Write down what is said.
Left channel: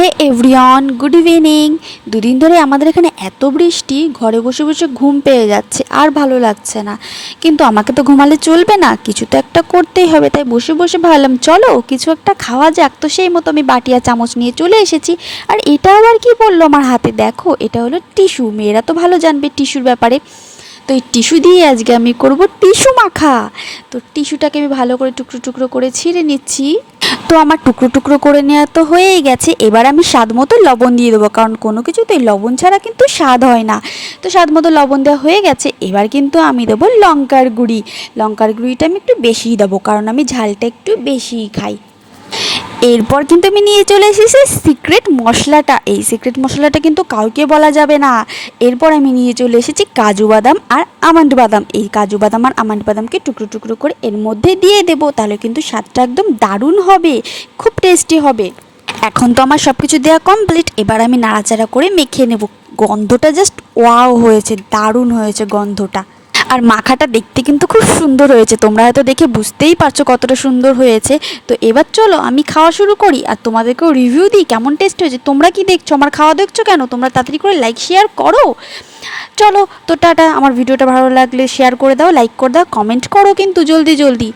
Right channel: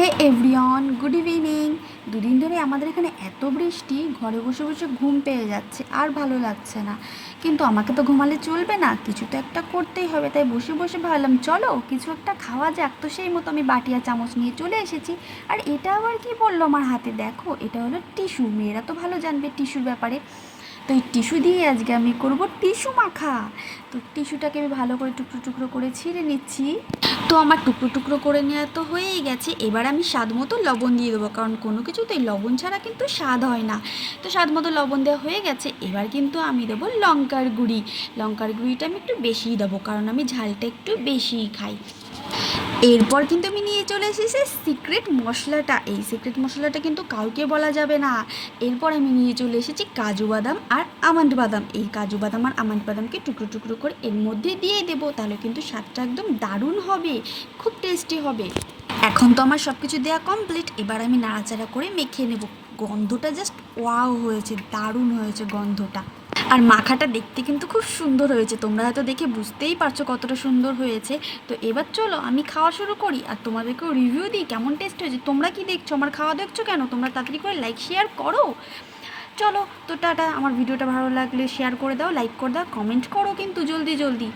হে everyone, good evening. দুদিন ধরে আমাদের এখানে এত বৃষ্টি, ঘরে বসে বসে ঘুম পেয়ে যাচ্ছে, আর ভালো লাগছে না। কিন্তু আমাকে তো ঘুমালে চলবে না, কিছু তো একটা করতেই হবে। তাই বসে বসে ভাবলাম চলো কিছু একটা খাওয়া যাক। তো সেই মতো আমি বাটি আর চামচ নিয়ে চলে এসেছি। আর এটা আবার কি বললো আমার হাতে, দেখো এটা হলো টিস্যু। মেয়েরা তো ভালো জানবে টিস্যুর ব্যাপারে। তো এই টিস্যু দিয়ে আজকে আমি করব টিস্যু মাখা। তো টিস্যুটাকে আমি ভালো করে টুকরো টুকরো করে ছিঁড়ে নিচ্ছি। তো আমার টুকরো টুকরো করে নেওয়া তো হয়েই গেছে। এবার আমি স্বাদ মতো লবণ দিয়ে দেবো, কারণ কোনো কিছুতেই লবণ ছাড়া কিন্তু স্বাদ হয় না। তো স্বাদ মতো লবণ দেওয়া হয়ে গেছে। এবার কিন্তু আমি দেবো লঙ্কার গুঁড়ি। লঙ্কার গুঁড়িটা আমি একটু বেশিই দেবো, কারণ আমি ঝালটা একটু বেশিই খাই। এরপর কিন্তু আমি নিয়ে চলে এসেছি সিক্রেট মশলাটা। এই সিক্রেট মশলাটা কিন্তু কাউকে বলা যাবে না। এরপর আমি নিয়ে চলে এসেছি কাজু বাদাম আর আমন্ড বাদাম। এই কাজু বাদাম আর আমন্ড বাদামকে টুকরো টুকরো করে এর মধ্যে দিয়ে দেবো, তাহলে কিন্তু স্বাদটা একদম দারুণ হবে, খুব টেস্টি হবে। এখন তো আমার সব কিছু দেওয়া কমপ্লিট। এবার আমি নাড়াচাড়া করে মেখে নেব। গন্ধটা জাস্ট ওয়াও হয়েছে, দারুণ হয়েছে গন্ধটা। আর মাখাটা দেখতে কিন্তু খুব সুন্দর হয়েছে, তোমরা হয়তো দেখে বুঝতেই পারছো কতটা সুন্দর হয়েছে। তো এবার চলো আমি খাওয়া শুরু করি, আর তোমাদেরকেও রিভিউ দিই কেমন টেস্ট হয়েছে। তোমরা কি দেখছো, আমার খাওয়া দেখছো কেন? তোমরা তাড়াতাড়ি করে লাইক শেয়ার করো। চলো তো টাটা। আমার ভিডিওটা ভালো লাগলে শেয়ার করে দাও, লাইক করে দাও, কমেন্ট করো কিন্তু জলদি জলদি।